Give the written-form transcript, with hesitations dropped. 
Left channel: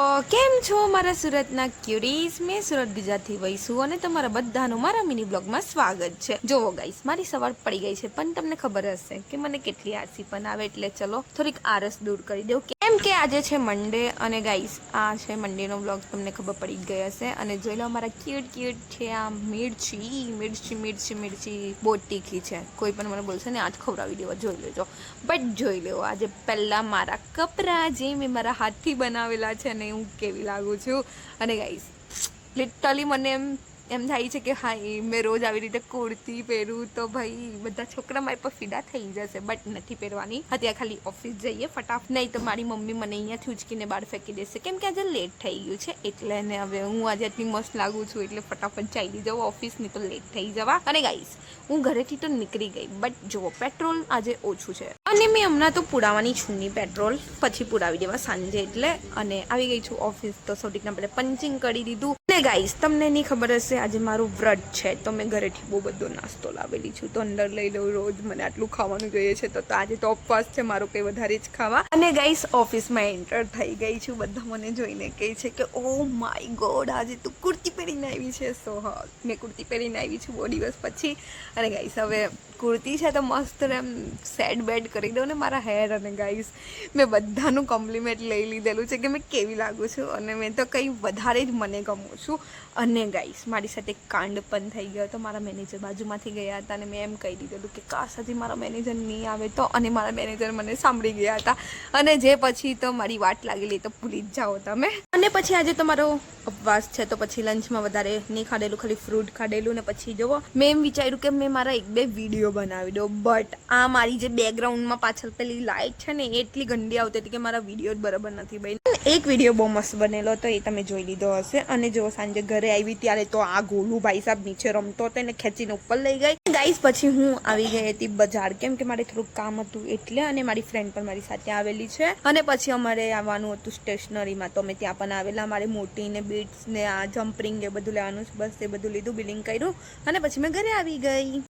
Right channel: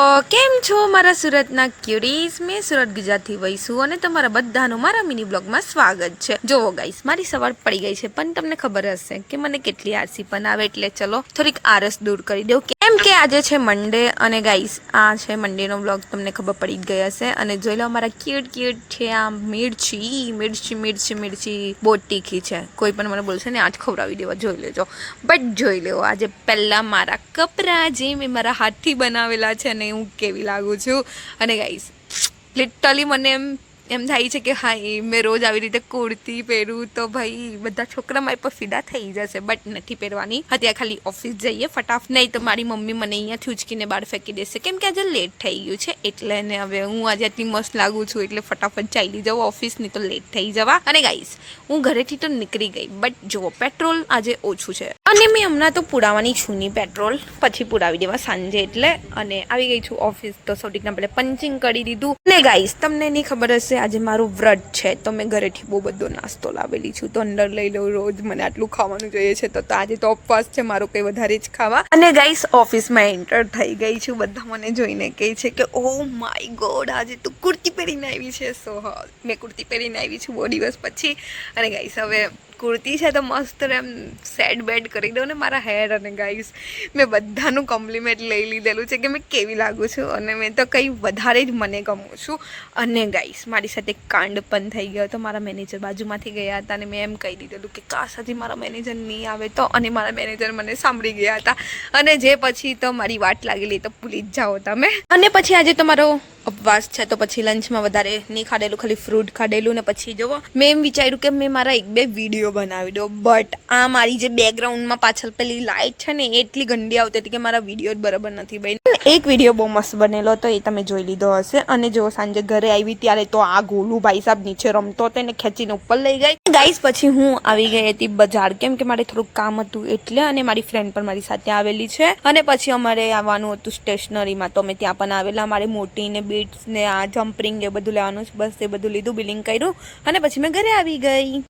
કેમ છો મારા સુરતના ક્યુરીઝ? મેં સુરત ગુજરાતથી વહીશું અને તમારા બધાનું મારા મિની બ્લોગમાં સ્વાગત છે. જોવો ગાઈસ, મારી સવાર પડી ગઈ છે, પણ તમને ખબર હશે કે મને કેટલી આળસી પણ આવે, એટલે ચલો થોડીક આળસ દૂર કરી દઉં. કેમ કે આજે છે મંડે અને ગાઈસ આ છે મંડેનો બ્લોગ, તમને ખબર પડી જ ગઈ હશે. અને જોઈ લો મારા ક્યુટ છે આ મિર્ચી બહુ તીખી છે. કોઈ પણ મને બોલશે ને આજ ખવડાવી દેવા, જોઈ લેજો. બટ જોઈ લો આજે પહેલાં મારા કપરા જે મેં મારા હાથથી બનાવેલા છે ને હું કેવી લાગુ છું. અને ગાઈસ લિટરલી મને એમ થાય છે કે હા મેં રોજ આવી રીતે કુર્તી પહેરું તો ભાઈ બધા છોકરા મારી પર ફિદા થઈ જશે, બટ નથી પહેરવાની. અત્યારે ખાલી ઓફિસ જઈએ ફટાફટ, નહીં તો મારી મમ્મી મને અહીંયાથી ઉચકીને બહાર ફેંકી દેશે, કેમ કે આજે લેટ થઈ ગયું છે. એટલે ને હવે હું આજે આટલી મસ્ત લાગુ છું એટલે ફટાફટ ચાલી જાઉં ઓફિસ, નહીં તો લેટ થઈ જવા. અને ગાઈસ હું ઘરેથી તો નીકળી ગઈ, બટ જુઓ પેટ્રોલ આજે ઓછું છે અને મેં હમણાં તો પુરાવાની છું નહીં પેટ્રોલ, પછી પુરાવી દેવા સાંજે એટલે. અને આવી ગઈ છું ઓફિસ, તો સૌથી પહેલે પંચિંગ કરી દીધું. ને ગાઈસ તમને નહીં ખબર હશે આજે મારું વ્રત છે, તો મેં ઘરેથી બહુ બધો નાસ્તો લાવેલી છું, તો અંદર લઈ લઉં. રોજ મને આટલું ખાવાનું જોઈએ છે, તો આજે તો ઉપવાસ છે મારો, કંઈ વધારે જ ખાવા. અને ગાઈસ ઓફિસમાં એન્ટર થઈ ગઈ છું. બધા મને જોઈને કહે છે કે ઓ માય ગોડ આજે તું કુર્તી પહેરીને આવી છે. સો હા, મેં કુર્તી પહેરીને આવી છું બહુ દિવસ પછી. અને ગાઈસ હવે કુર્તી છે તો મસ્ત એમ સેટ બેડ કરી દઉં ને મારા હેર. અને ગાઈસ મેં બધાનું કોમ્પ્લિમેન્ટ લઈ લીધેલું છે કે મેં કેવી લાગુ છું, અને મેં તો કંઈ વધારે જ મને ગમું છું. અને ગાઈસ મારી સાથે કાંડ પણ થઈ ગયો હતો. મારા મેનેજર બાજુમાંથી ગયા હતા અને મેં એમ કહી દીધેલું કે કાશ હજી મારા મેનેજર નહીં આવે તો, અને મારા મેનેજર મને સાંભળી ગયા હતા. અને જે પછી તો મારી વાટ લાગેલી તો ભૂલી જ જાઓ તમે. અને પછી આજે તો મારો ઉપવાસ છે, તો પછી લંચમાં વધારે નહીં ખાધેલું, ખાલી ફ્રૂટ ખાધેલું. ને પછી જુઓ મેં એમ વિચાર્યું કે મેં મારા 1-2 વિડીયો બનાવી દો, બટ આ મારી જે બેકગ્રાઉન્ડમાં પાછળ પેલી લાઇટ છે ને એટલી ગંદી આવતી હતી કે મારા વિડીયો જ બરાબર નથી બન્યા. એક વિડીયો બહુ મસ્ત બનેલો હતો, એ તમે જોઈ લીધો હશે. અને જો સાંજે ઘરે આવી ત્યારે તો આ ગોલું ભાઈ સાહેબ નીચે રમતો હતો એને ખેંચીને ઉપર લઈ ગઈ. ગાઈસ પછી હું આવી ગઈ હતી બજાર, કેમ કે મારે થોડુંક કામ હતું એટલે. અને મારી ફ્રેન્ડ પણ મારી સાથે આવેલી છે. અને પછી અમારે આવવાનું હતું સ્ટેશનરીમાં, તો અમે ત્યાં પણ આવેલા. મારે મોટી ને બીટ્સ ને આ જમ્પરિંગ એ બધું લેવાનું છે, બસ એ બધું લીધું, બિલિંગ કર્યું અને પછી મેં ઘરે આવી ગઈ.